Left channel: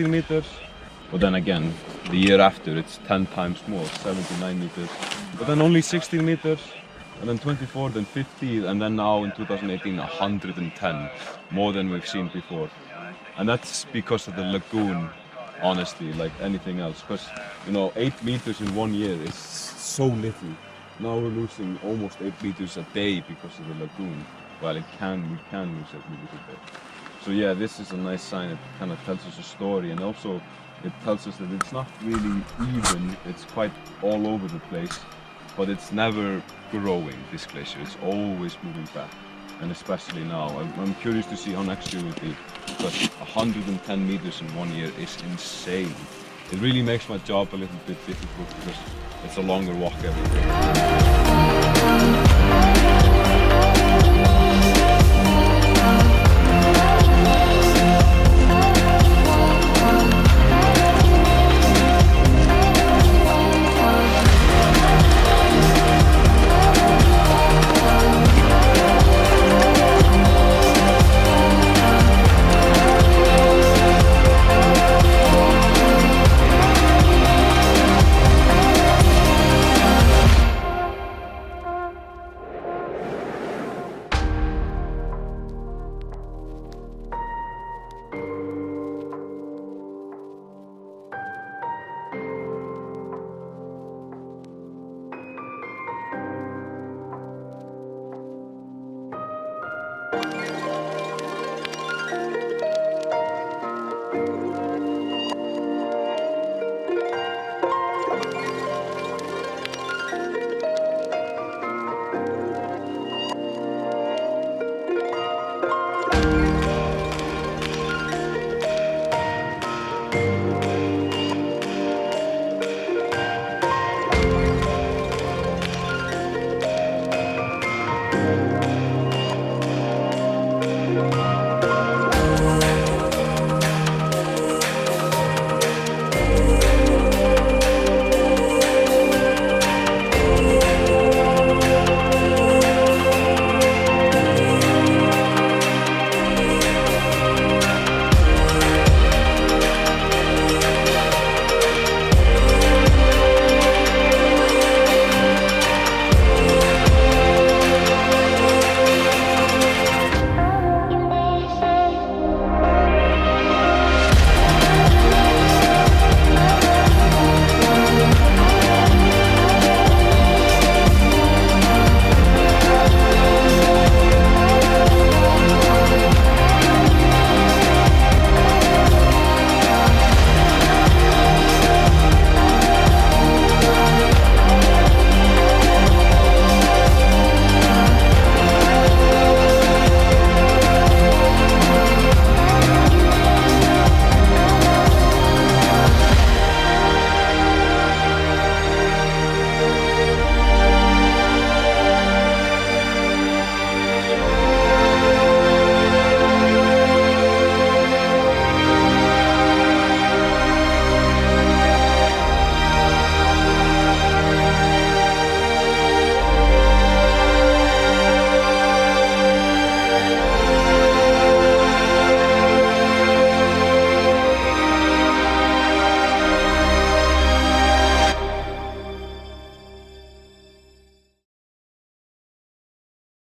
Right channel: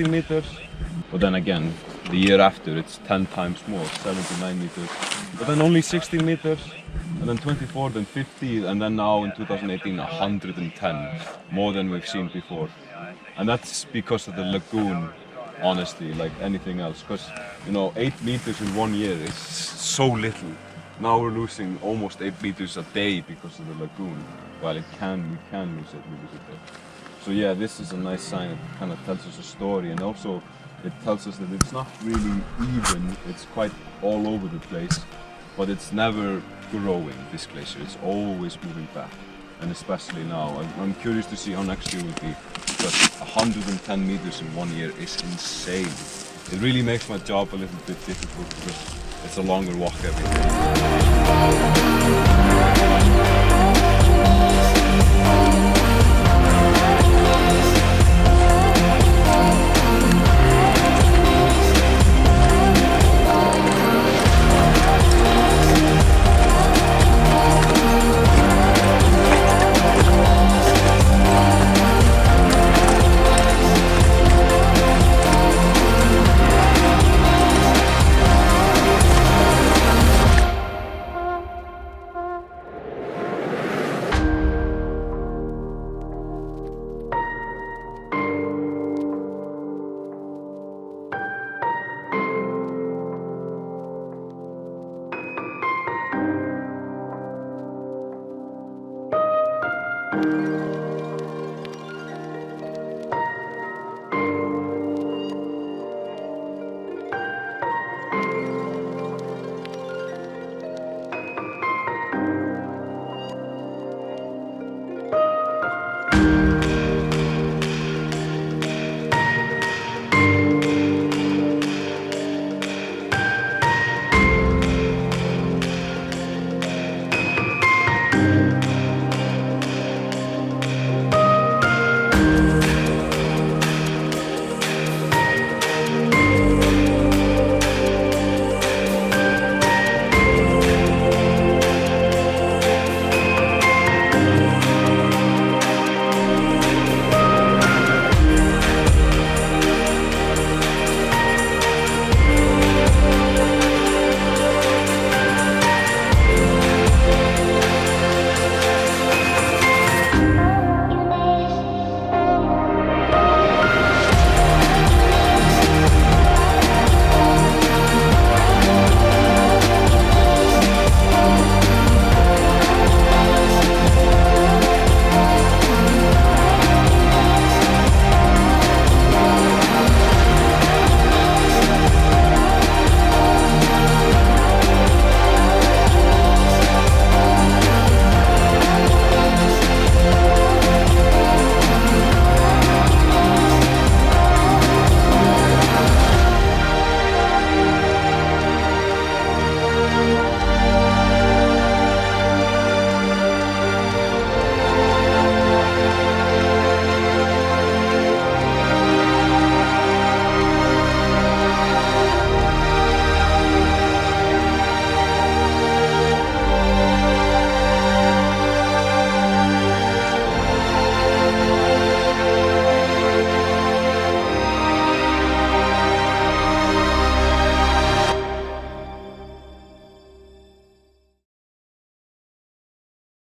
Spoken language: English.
meters, but then again, the year after it's 10 times more, 79 meters, but then only 16 meters, and then 24, then 50, and then now in 2018, 110, more than we've seen before. And that's because of the lagoon, honestly, like anything else, because, you know, 8 meters in 1 year is so little. Now we're losing almost 8 meters a day because of the lagoon, while we can lose 8 meters a day. So yeah, this is a nice sign. It kind of tells us a story, and also it tells us that it's not really even, it's quite all over the place, but it's never growing, this glacier. It's always moving back, and especially now. I'm curious to see how next year will be, because 110 meters in 1 year is insane. It really makes my job a little bit difficult because it's a longer walk every day.